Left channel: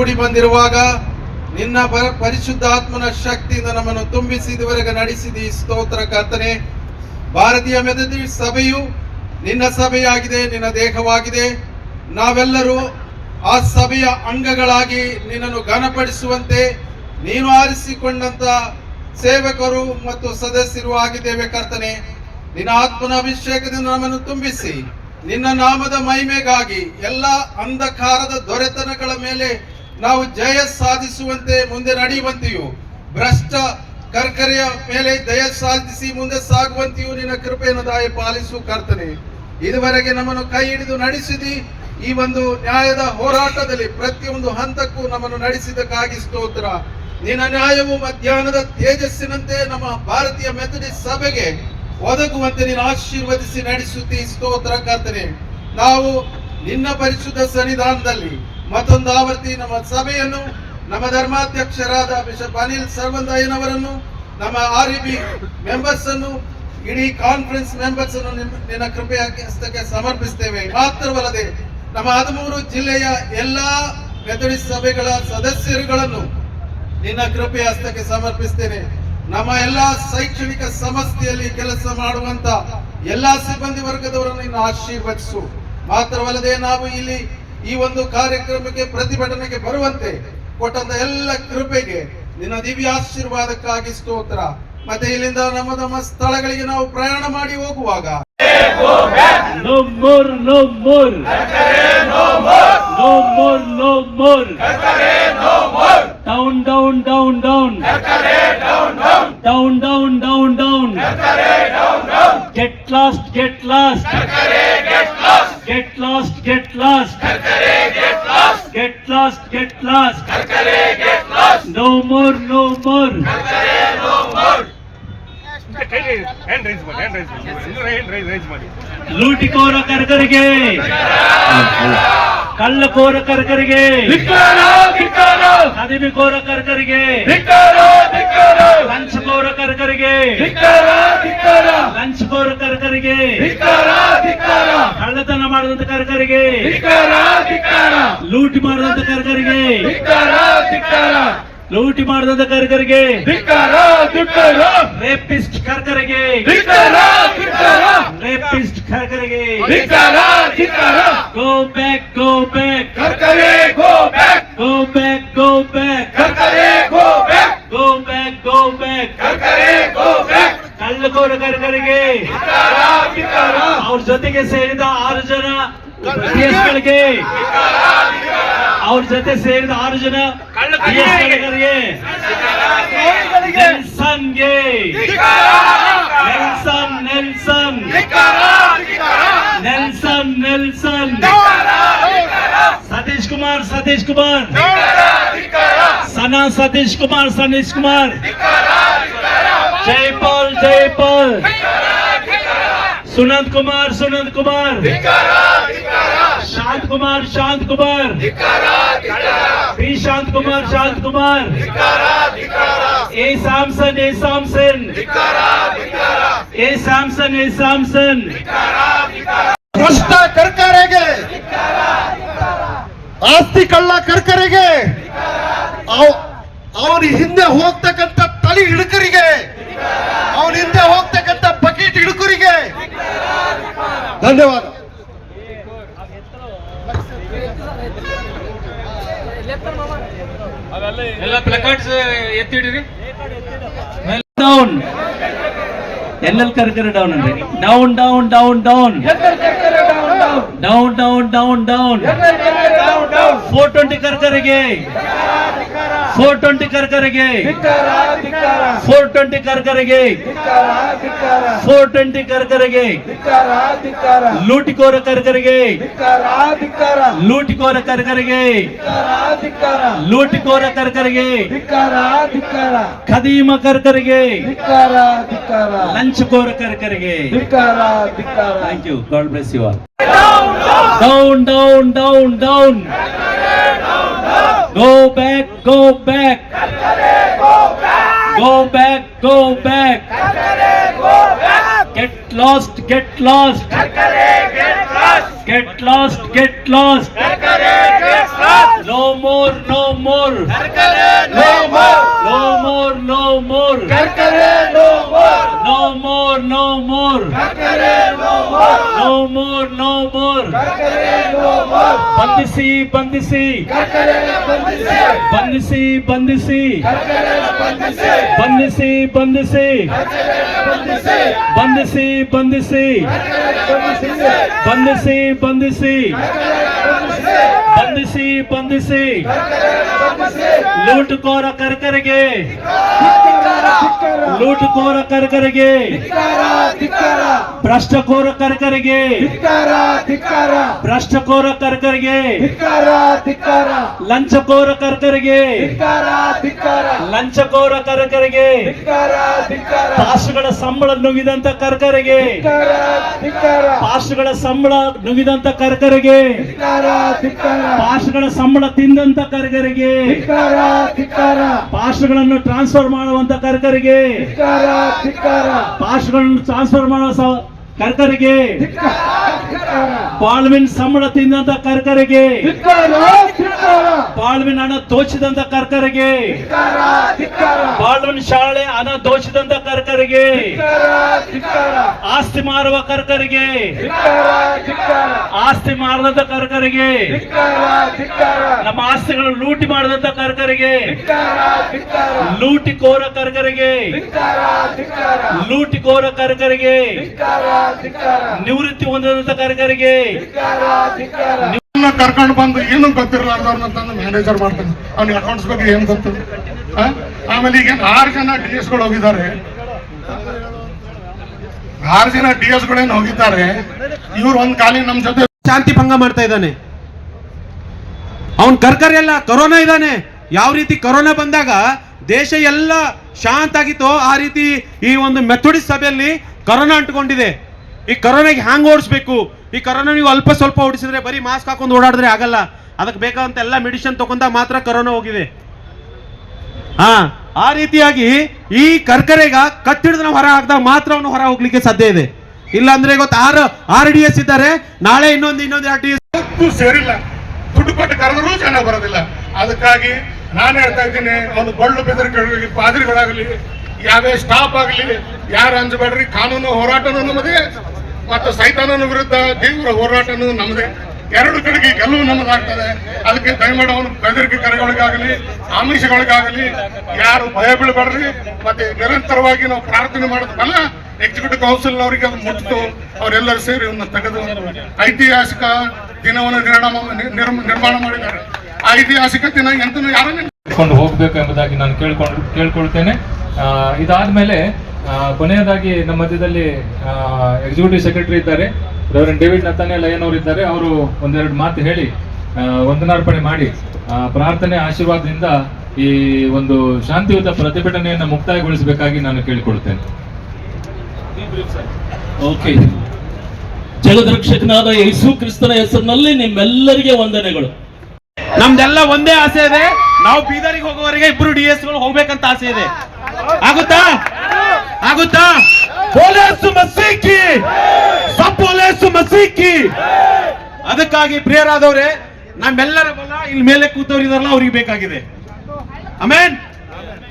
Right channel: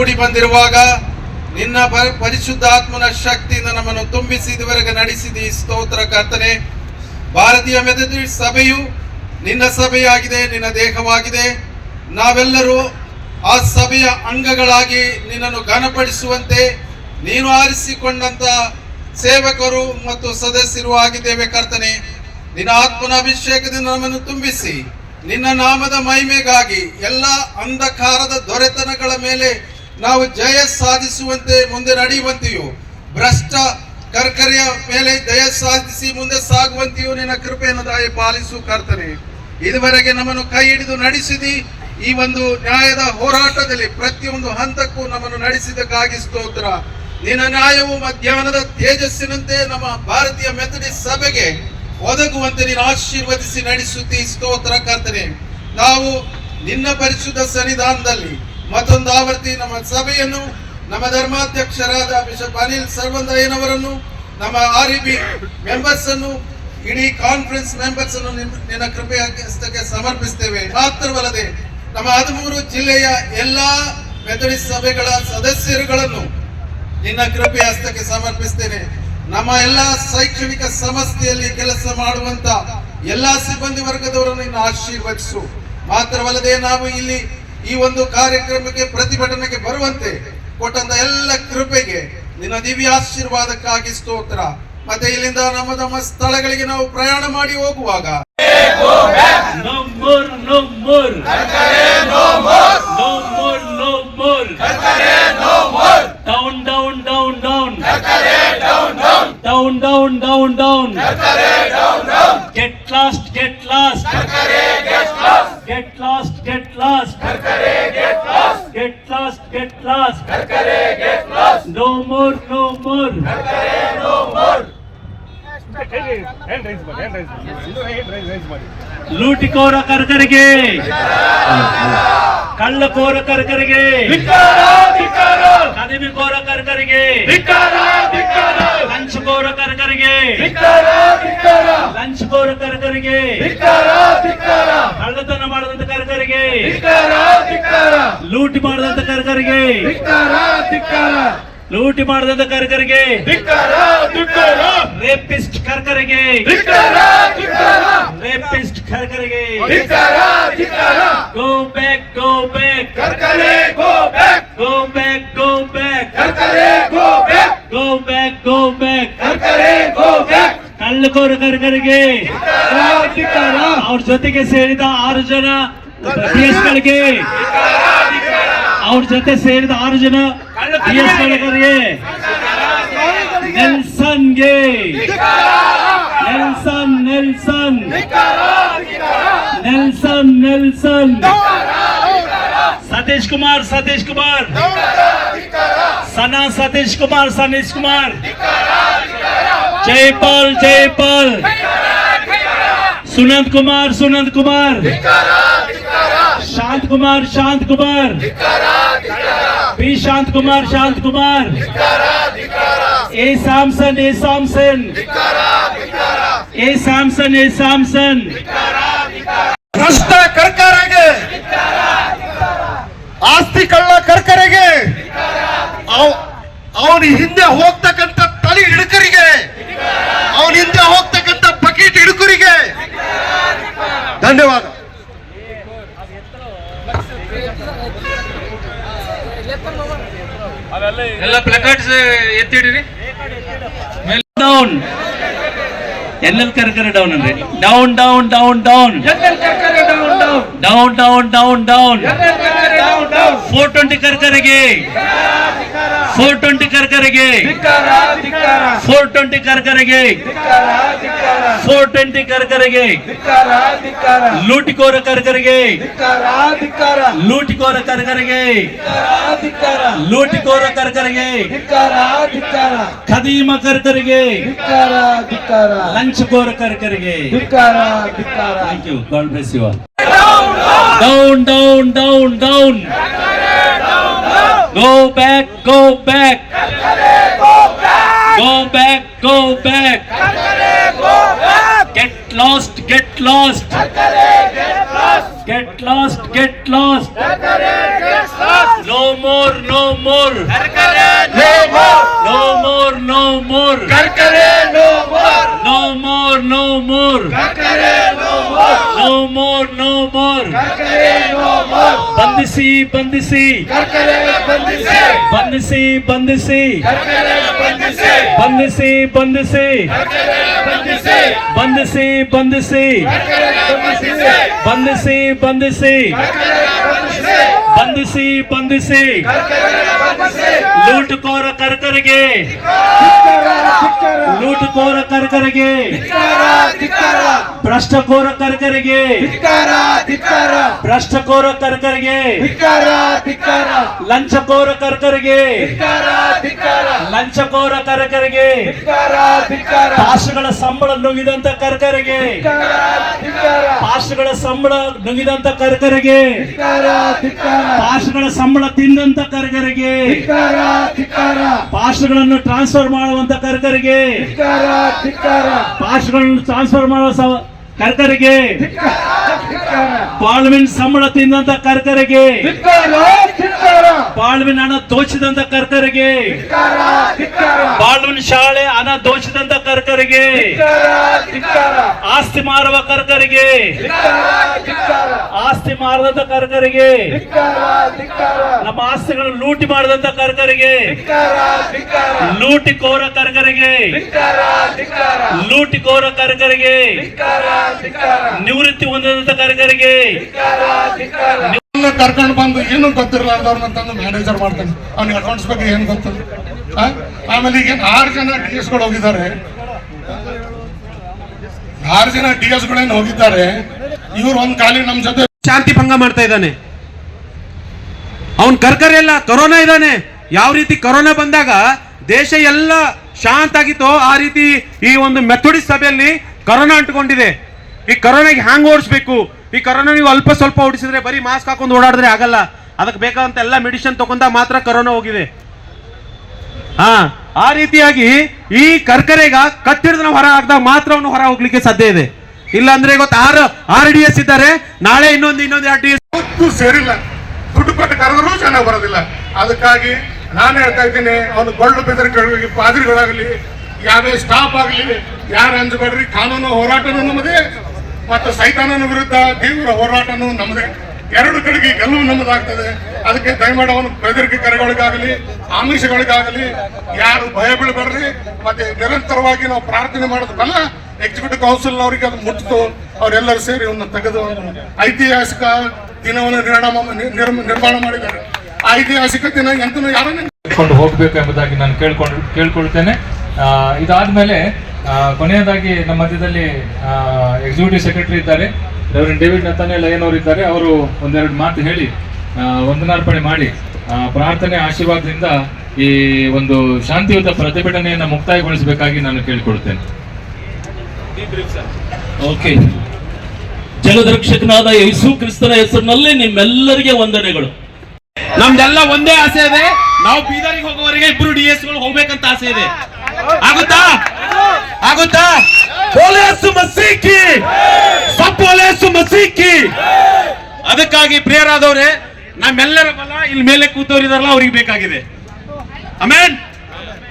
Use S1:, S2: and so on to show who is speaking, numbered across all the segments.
S1: ಕೂಡಿ ಬಂದಿರುವಾಗ ನಿನ್ನ ಪರಿಶುದ್ಧಾತ್ಮನ ಶಕ್ತಿಯಿಂದ ನಮ್ಮನ್ನು ತುಂಬಿಸಿ ಇದುವರೆಗೆ ನಡೆಸಿದಿ. ಸ್ತೋತ್ರ ಕರ್ತನೆ. ಭಾರತೀಯ ಮೆಥಡಿಸ್ಟ್ ಸಭೆಯು ನಿನ್ನ ಸಭೆಯಾಗಿದೆ, ನಿನ್ನ ದೇಹವಾಗಿದೆ. ನಾವೆಲ್ಲರೂ ಆ ಸಭೆಯ ಅಂಗಗಳಾಗಿ ನಿನ್ನನ್ನು ಘನಪಡಿಸುವಂತೆ ನೀನು ಆರಿಸಿಕೊಂಡಂತ ಸೇವಕರು ಮತ್ತು ಸದಸ್ಯರು ಆಗಿದ್ದೇವೆ ಕರ್ತನೆ. ನಿನ್ನ ಆತ್ಮನ ಅಭಿಷೇಕದಿಂದ ನಮ್ಮನ್ನು ತುಂಬಿಸಿ, ನಿನ್ನ ನಾಮದ ಮಹಿಮೆಗಾಗಿ ಎಲ್ಲ ಅಂಧಕಾರದ ದೊರೆತನಗಳ ಮೇಲೆ ನಾವು ಜಯ ಸಾಧಿಸುವಂತೆ ಮುಂದೆ ನಡೆಯುವಂತೆಯೂ, ಭ್ರಷ್ಟ ಕರ್ಕರೆಯ ಮೇಲೆ ಜಯ ಸಾಧಿಸಿ ಮುಂದೆ ಸಾಗುವಂತೆಯೂ ನಿನ್ನ ಕೃಪೆಯನ್ನು ದಾಯ ಪಾಲಿಸು ಕರ್ತನೆ. ಇದುವರೆಗೆ ನಮ್ಮನ್ನು ಕೈ ಹಿಡಿದು ನಡೆಸಿದಿ. ಈ ಒಂದು ನ್ಯಾಯದ ಹೋರಾಟದಲ್ಲಿ ಪ್ರತಿಯೊಂದು ಹಂತಕ್ಕೂ ನಮ್ಮನ್ನು ನಡೆಸಿದಕ್ಕಾಗಿ ಸ್ತೋತ್ರ. ನಿನ್ನ ನ್ಯಾಯವು ಮಧ್ಯಾಹ್ನದ ತೇಜಸ್ಸಿನಂತೆ ನಮ್ಮ ಭಾರತೀಯ ಮೆಥಡಿಸ್ಟ್ ಸಭೆಗೆ ಒದಗುವಂತೆ ನೀನು ಆಶೀರ್ವದಿಸಿ ನಡೆಸುತ್ತಿ ಸ್ತೋತ್ರ ಕರ್ತನೆ. ನಾವು ನಿನ್ನ ಪರಿಶುದ್ಧ ಸನ್ನಿಧಾನದಲ್ಲಿ ಮತ್ತೊಂದು ಆವೃತ್ತಿ ನಮ್ಮ ಸಭೆಯನ್ನು, ನಮ್ಮ ಧರ್ಮಾಧ್ಯಕ್ಷರಾದ ಬಿಷಪ್ ಅನಿಲ್ ಸರ್ವಂದಯ್ಯನವರನ್ನು, ನಮ್ಮ ಆರ್ ಇ ಬಿ ಮೆಂಬರ್ಸ್ ಅನ್ನು, ಇಡೀ ಕಾನ್ಫರೆನ್ಸ್ ಮೆಂಬರ್ಸ್ ಅನ್ನು ನಿನ್ನ- ಕೃಪೆಯ ಹಸ್ತಕ್ಕೆ ಸಮರ್ಪಿಸ್ತೇವೆ. ಮಾತ್ರವಲ್ಲದೆ ನಮ್ಮ ಹದಿಮೂರು ಜಿಲ್ಲೆಯ ಎಲ್ಲಾ ಮೆಥಡಿಸ್ಟ್ ಸಭೆಗಳ ಸದಸ್ಯರುಗಳನ್ನು ನಿನ್ನ ಕೃಪೆಯ ಹಸ್ತಕ್ಕೆ ಸಮರ್ಪಿಸ್ತೇನೆ. ನಮ್ಮ ಎಲ್ಲಾ ಶೈಕ್ಷಣಿಕ ಸಂಸ್ಥೆಯಲ್ಲಿ ಕೆಲಸ ಮಾಡುವಂತ ಎಲ್ಲಾ ಸಿಬ್ಬಂದಿ ವರ್ಗದವರನ್ನು ಆಶೀರ್ವದಿಸು. ಮಾತ್ರವಲ್ಲದೆ ನಾವು ಇಲ್ಲಿ ಈ ಒಂದು ಕಾರ್ಯಕ್ರಮಕ್ಕೆ ಪ್ರತಿಭಟನೆಗೆ ಬರುವಂತೆ ಕೊಟ್ಟಂತ ಎಲ್ಲ ಕೃಪೆಗೆ ನಿನ್ನ ದಿವ್ಯ ಆಶೀರ್ವಾದಕ್ಕಾಗಿ ಸ್ತೋತ್ರ. ಮತ್ತೆ ಇಲ್ಲಿಂದ ನಮ್ಮ ನಮ್ಮ ಸ್ಥಳಗಳಿಗೆ ನಾವು ಪ್ರಯಾಣ ಮಾಡಿ ಹೋಗುವಾಗ.
S2: Down down down down down down down down Down, lost down, down. lost. Karkare, get lost. Get lost, get lost. Karkare, get lost. No more, no more.
S3: Karkare, no more.
S2: ಲೂಟಿಕೋರ ಕರ್ಕರಿಗೆ ಕಳ್ಳಕೋರ ಕರ್ಕರಿಗೆ ಕದಿಬಿಕೋರ ಕರ್ಕರಿಗೆ ಲಂಚ್ಕೋರ ಕರ್ಕರಿಗೆ ಲಂಚ್ಕೋರ ಕರ್ಕರಿಗೆ ಕಳ್ಳತನ ಮಾಡಿದಂತ ಕರ್ಕರಿಗೆ. ಲೂಟಿ ಮಾಡಿದಂತ ಕರ್ಕರಿಗೆ. ಲೂಟಿ ಮಾಡಿದಂತ ಕರ್ಕರಿಗೆ. ರೇಪಿಸ್ಟ್ ಕರ್ಕರಿಗೆ. Rapist ಕರ್ಕರಿಗೆ. Go back go back go back go back go back go back go back go back Karkare ಕಳ್ಳಕೋರ ಕರ್ಕರಿಗೆ ಅವ್ರ ಜೊತೆಗೆ ಸೇರಿದ ಆರು ಜನ ಗಳಿಗೆ. ಅವ್ರ ಜೊತೆ ಸೇರಿದ ಆರು ಜನ ಗಳಿಗೆ. ನೆಲ್ಸನ್ಗೆ. Nelson Nelson. Nelson Nelson. Satish Kumar Satish Kumar. Sana Satish Kumar, Sanish Kumar. जय पाल जय पाल। सुनंद कुमार सुनंद कुमार। शांत कुमार शांत कुमार। बी शांत कुमार शांत कुमार। ए सामसन ए सामसन। ए सामसन
S4: ए सामसन। भ्रष्ट कर ಆಸ್ತಿ ಕಳ್ಳ ಕರ್ಕರಿಗೆ और हिंदे ಹೋಗ್ತಕ್ಕಂಥ हिड़क ಅವನ ಹಿಂದೆ ಹೋಗ್ತಕ್ಕಂಥ ಬಕೆಟ್ ಹಿಡುಕರಿಗೆ ಧನ್ಯವಾದ.
S2: ಎಲ್ಲ ಪ್ಲಕಾರ್ಡ್ಸ್ ಎತ್ತಿಡಿರಿ? ಡೌನ್ ಎಲ್ಲೆಲ್ಲಿ ಕರ್ಕರೆ ಡೌನ್ ಅಂದ್ರೆ. Down down down down down down down down four twenty ಕರ್ಕರೆಗೆ four twenty ಕರ್ಕರಿಗೆ. ಫೋರ್ ಟ್ವೆಂಟಿ ಕರ್ಕರಿಗೆ. ಫೋರ್ ಟ್ವೆಂಟಿ ಕರ್ಕರಿಗೆ. ಲೂಟಿಕೋರ ಕರ್ಕರಿಗೆ. ಲೂಟಿಕೋರ ಕರ್ಕರಿಗೆ. ಲೂಟಿಕೋರ ಕರ್ಕರಿಗೆ. ಖದೀಮ ಕರ್ಕರಿಗೆ. ಲಂಚಕೋರ ಕರ್ಕರಿಗೆ. Thank you God bless you down down down down Go back, go back. Go back, go back. Get lost, get lost. Get lost, get lost. No more, no more. No more, no more, no more. No more, no more. No more no more ಬಂಧಿಸಿ ಬಂಧಿಸಿ. ಬಂಧಿಸಿ. ಬಂಧಿಸಿ ಬಂಧಿಸಿ. ಬಂಧಿಸಿ. ಬಂಧಿಸಿ ಬಂಧಿಸಿ. ಬಂಧಿಸಿ. ಬಂಧಿಸಿ ಬಂಧಿಸಿ. ಬಂಧಿಸಿ. ಲೂಟುಕೋರ ಕರ್ಕರಿಗೆ. ಲೂಟುಕೋರ ಕರ್ಕರಿಗೆ. ಭ್ರಷ್ಟಕೋರ ಕರ್ಕರಿಗೆ. ಭ್ರಷ್ಟಕೋರ ಕರ್ಕರಿಗೆ. ಲಂಚಕೋರ ಕರ್ಕರಿಗೆ. ಲಂಚಕೋರ ಕರ್ಕರಿಗೆ. ಪಾಶಗಳ ಸಂಬಳ ನುಗಿದಂತ ಕರ್ಕರಿಗೆ. ಪಾಶಗಳ ಸಂಬಳ ನುಗಿದಂತ ಕರ್ಕರಿಗೆ. ಪಾಶಗಳ ಸಂಬಳ ತಿಂದಂತ ಕರ್ಕರಿಗೆ. ಪಾಶಗಳನ್ನು ಟ್ರಾನ್ಸ್ಫರ್ ಮಾಡುವಂತ ಕರ್ಕರಿಗೆ. ಪಾಶಗಳನ್ನು ಟ್ರಾನ್ಸ್ಫರ್ ಮಾಡುವ ಕರ್ಕರಿಗೆ. ಪಾಳ್ವಿನ್ ಸಂಬಳ ತಿಂದಂತ ಕರ್ಕರಿಗೆ. ಬಾಳ್ವಿನ್ ಹಣ ದೋಚಿದಂತ ಕರ್ಕರಿಗೆ. ಬಾಳ್ವಿನ್ ಶಾಲೆ ಹಣ ದೋಚಿದಂತ ಕರ್ಕರಿಗೆ. ಆಸ್ತಿ ಮಾರುವ ಕರ್ಕರಿಗೆ. ಆಸ್ತಿ ಮಾರದಂತ ಕರ್ಕರಿಗೆ. ನಮ್ಮ ಆಸ್ತಿಗಳನ್ನು ಲೂಟಿ ಮಾಡಿದಂತ ಕರ್ಕರಿಗೆ. ಲೂಟಿ ಕೋರ ಕರ್ಕರಿಗೆ. ಲೂಟಿ ಕೋರ ಕರ್ಕರಿಗೆ. ನಿವೃತ್ತಿ ಹೊಂದಿದಂತ ಕಾರ್ಯಕರಿಗೆ
S5: ಕರ್ಕೊಂಡು ಬಂದು ಏನು ಗೊತ್ತಿರಲಾರ್ದವ್ರನ್ನ ತಂದು ಮ್ಯಾನೇಜರ್ ಮಾಡ್ತಾನೆ. ಅವ್ನಿಗೆ ಅಕೌಂಟ್ಸ್ ಬಗ್ಗೆ ಏನು ಗೊತ್ತು? ಆ? ಆಮೇಲೆ ಈಗ ಆರು ಜನ ಡಿ ಎಸ್ಗಳು ಹೋಗಿದ್ದಾರೆ. ಆರು ಜನ ಡಿ ಎಸ್ ಗಳೇನು ಹೋಗಿದ್ದಾರೆ. ಇವ್ರು ಒಂದ್ ಕಾಲಿಗೆ ನಮ್ ಜೊತೆ
S6: ಶಾಂತಿ ಭಂಗ ಮಾಡ್ತಾ ಇದ್ದಾನೆ. ಅವನ್ ಕರ್ಕರಿ ಎಲ್ಲ ಕೊರೋನಾ ಇದ್ದಾನೆ. ಯಾವ ರೀತಿ ಕೊರೋನಾ ಬಂದಾಗ ದೇಶ ಎಲ್ಲ ಶಾಂತ ಆಗಿತ್ತು ಆ ರೀತಿ ಈ ಒಂದು ಮೆಥೋಡಿಸ್ ಸಭೆಯಲ್ಲಿ ಕೊರೋನಾ ಅಂಟ್ಕೊಂಡಿದೆ. ಈ ಕೊರೋನಾಗೆ ಹ್ಯಾಂಗ್ ಓಡಿಸ್ಬೇಕು? ಈ ಕೊರೋನಾ ನೀವು ಅಲ್ಪ ಸ್ವಲ್ಪ ಓಡಿಸಿದ್ರೆ ಬರೀ ಮಾಸ್ಕ್ ಹಾಕೊಂಡು ಓಡಾಡಿದ್ರೆ ಆಗಲ್ಲ. ಅದಕ್ಕೆ ಬೇಕಾದಂತ ಎಲ್ಲ ಮೆಡಿಸಿನ್ ತಗೊಂಡ ಮಾತ್ರ ಕೊರೋನಾ ಹೋಗಿದೆ. ಹಾ, ಆ ರೀತಿಯಾಗಿ ಈ ಕರ್ಕರೆಗ ಕಟ್ಟಿಡಿದ ಹೊರ ಹಾಕಿದಾಗ ಮಾತ್ರ ಅವನು ಹೊರ ಹೋಗ್ಲಿಕ್ಕೆ ಸಾಧ್ಯ ಇದೆ. ಇಲ್ಲ ಅಂದ್ರೆ ಇವತ್ತು ಆರ್ ಆರ್ ಡಿ ಎಸ್ ಇದ್ದಾರೆ. ನಾಳೆ ಇನ್ನೊಂದು ಇನ್ನೊಂದು ಆರ್ ಡಿ ಎಸ್
S5: ಸೇರಿಲ್ಲ. ದುಡ್ಡು ಕೊಟ್ಟು ಕರೆದರೂ ಜನ ಬರೋದಿಲ್ಲ. ಅದಕ್ಕಾಗಿ ನಾನು ಹೇಳ್ತಾ ಇದ್ದೀನಿ, ಅವನು ಗೊಳ್ಳು ಬೆದರಿಕೆಗಳಿಗೆ ಪಾದ್ರಿಗಳಾಗಲಿ ಯಾವ್ಯಾವ ಸ್ಟಾಫ್ ಆಗಲಿ, ಯಾರು ಅಂಜಬೇಡ್ರಿ, ಕಾನೂನು ಹೋರಾಟನೂ ನಮ್ಮದೇ ಮತ್ತು ಸೈತಾನನ ವಿರುದ್ಧ ತೀವ್ರ ಹೋರಾಟನೂ ನಮ್ಮದೇ. ಎರಡು ಕಡೆಗೆ ಗೆಲುವು ನಮ್ಮದಾಗ್ತದೆ. ಅದಕ್ಕೆ ದಯಮಾಡಿ ಅವನು ಬೆದರಿಕೆ ಕರೆಗಳಿಗಾಗಲಿ, ಆಮಿಷಗಳಿಗಾಗಲಿ, ಯಾರು ಭಯ ಬೀಳಬೇಡ್ರಿ ಮತ್ತೆ ನಿರಂತರವಾಗಿ ನಾವು ಪ್ರಾರ್ಥನೆ ಮಾಡೋದಲ್ಲ ಎಕ್ಸಿಕ್ಯೂಟಿವ್ ಕೌನ್ಸಿಲ್ ಅವರಿಗೆ ಅದು ಮುಟ್ಟಿತು. ಅವರೆಲ್ಲರೂ ಸೇರಿ ಒಂದು ತೆಗೆದು ಐತಿಹಾಸಿಕ ದಿನವನ್ನು ನಿರ್ಣಯ ನಿರ್ಮಾಣ ಮಾಡಿದ್ದಾರೆ. ಐತಿಹಾಸಿಕ ದಿನ ಎಂತೂ
S7: ಯಾರನ್ನು ಹೋಗಬೇಕು ಎಂಬುದಾಗಿ ನಾನು ಕೇಳ್ಕೊಂಡು, ಕೇಳ್ಕೊಳ್ತೇನೆ. ಇದಾದ್ಮೇಲೆ ಕೊನೆಯದಾಗಿ ನಮ್ಮ ಮಧ್ಯದಲ್ಲಿ ಎಕ್ಸಿಕ್ಯೂಟಿವ್ ಸೆಕ್ರೆಟರಿ ಇದ್ದಾರೆ. ರೆವರೆಂಟ್ ಡೇವಿಡ್ ನತಾನೆ ಲಯನ್ ಅವರು ಇದ್ದಾರೆ. ಅವರು ಒಂದೆರಡು ಮಾತು ಹೇಳಿ ಆ, ವಂದನಾರ್ಪಣೆ ಮಾಡಿ ಪ್ರಾರ್ಥನೆ ಆಶೀರ್ವಾದದಿಂದ ಈ ಒಂದು ಶಾಂತಿಯುತ ಪ್ರತಿಭಟನೆಯನ್ನು ಮುಕ್ತಾಯಗೊಳಿಸಬೇಕಾಗಿ ನಾನು ಕೇಳಿಕೊಳ್ತೇನೆ
S2: ಓಕೆ ಜಗದ್ರಕ್ಷಕನಾದ ಯೇಸು ಕ್ರಿಸ್ತನ ಹೆಸರಿನಲ್ಲಿ ನಿಮ್ಮೆಲ್ಲರಿಗೆ ವಂದನೆಗಳು.
S6: ನಮ್ದೆಲ್ಲ ಒಂದೇ ಆಸೆ ಇದೆ. ನಾವು ಬೀದರಿಗೆ ಹೋಗುವವರೆಗೆ ಇಬ್ರು ಡಿ ಎಸ್ಗಳು ಹೋಗ್ಬೇಕಂತ ಆಸೆ ಇದೆ. ಆಗುತ್ತಾ? ಆಗುತ್ತಾ? ಪೊಲೀಸ್ ಮಸೀಕಿ ಸಬ್ ಪೊಲೀಸ್ ಮಸೀಕಿ ಅದಕ್ಕಾಗಿ ಪ್ರಿಯರಾದವ್ರೆ ನಮ್ಮೆಲ್ಲರ ಬಲ ಇಲ್ಲಿ ಮೇಲೆ ಕೂತವರಿದಾರಲ್ಲ ಅವ್ರಿಗೆ ಬೇಕಾಗಿದೆ. ಅಮೇನ್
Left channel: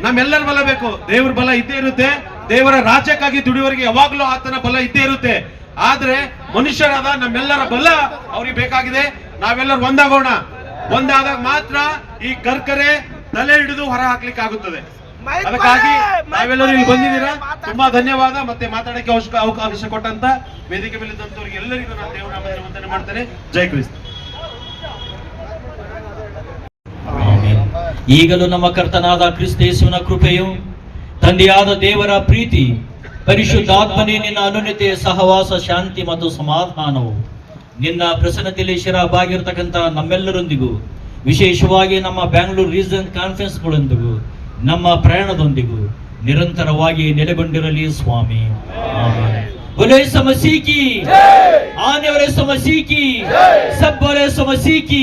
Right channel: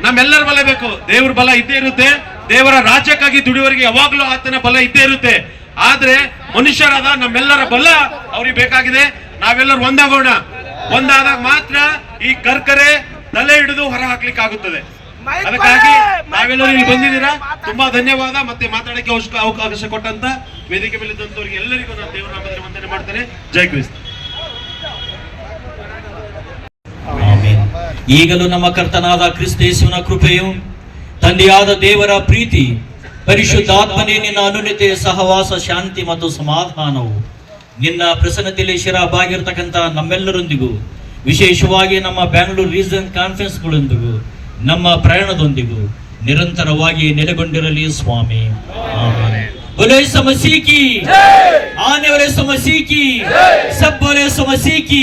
S6: ನಮ್ಮೆಲ್ಲರ ಬಲ ಬೇಕು. ದೇವ್ರ ಬಲ ಇದ್ದೇ ಇರುತ್ತೆ. ದೇವರ ರಾಜ್ಯಕ್ಕಾಗಿ ದುಡಿಯೋರಿಗೆ ಯಾವಾಗ್ಲೂ ಆತನ ಬಲ ಇದ್ದೇ ಇರುತ್ತೆ. ಆದ್ರೆ ಮನುಷ್ಯರಾದ ನಮ್ಮೆಲ್ಲರ ಬಲ ಅವ್ರಿಗೆ ಬೇಕಾಗಿದೆ. ನಾವೆಲ್ಲರೂ ಒಂದಾಗೋಣ. ಒಂದಾದಾಗ ಮಾತ್ರ ಈ ಕರ್ಕರೆ ತಲೆ ಹಿಡಿದು ಹೊರ ಹಾಕ್ಲಿಕ್ಕೆ ಆಗುತ್ತದೆ ಅದಕ್ಕಾಗಿ ನಾವೆಲ್ಲರೂ ಇಲ್ಲಿ ಬಂದಿದ್ದೀರಾ? ತುಂಬಾ ಧನ್ಯವಾದ ಮತ್ತೆ ಮಾತಾಡಕ್ಕೆ ಅವಶ್ಯಕ ಅವಕಾಶ ಕೊಟ್ಟಂತ ವೇದಿಕೆ ಮೇಲಿದ್ದಂತವ್ರಿಗೆ ಎಲ್ಲರಿಗೂ ನಾನು ದೇವರ ನಾಮದಲ್ಲಿ ವಂದನೆ ಮಾಡ್ತೇನೆ. ಜೈ ಕ್ರಿಸ್ತ.
S2: ಈಗಲೂ ನಮ್ಮ ಕರ್ತನಾದ ಕ್ರಿಸ್ತ ಯೇಸುವಿನ ಕೃಪೆಯು ತಂದೆಯಾದ ದೇವರ ಪ್ರೀತಿ ಪರಿಶುದ್ಧಾತ್ಮನೇ ನಿನ್ನ ಅನುನತೆ ಸಹವಾಸ ಶಾಂತಿ ಮತ್ತು ಸಮಾಧಾನವು. ನಿನ್ನ ಪ್ರಸನ್ನತೆಯಲ್ಲಿ ಶಿರಬಾಗಿರ್ತಕ್ಕಂಥ ನಮ್ಮೆಲ್ಲರೊಂದಿಗೂ ವಿಶೇಷವಾಗಿ ನಮ್ಮ ಬ್ಯಾಂಗ್ಳೂರು ರೀಜನ್ ಕಾನ್ಫರೆನ್ಸ್ಗಳೊಂದಿಗೂ ನಮ್ಮ ಪ್ರಯಾಣದೊಂದಿಗೂ ನಿರಂತರವಾಗಿ ನೆಲೆಗೊಂಡಿರಲಿ ಸ್ವಾಮಿ ಆಮೆನ್. बोलो यीशु मसीह की आने वाले यीशु मसीह की सब बोले यीशु मसीह की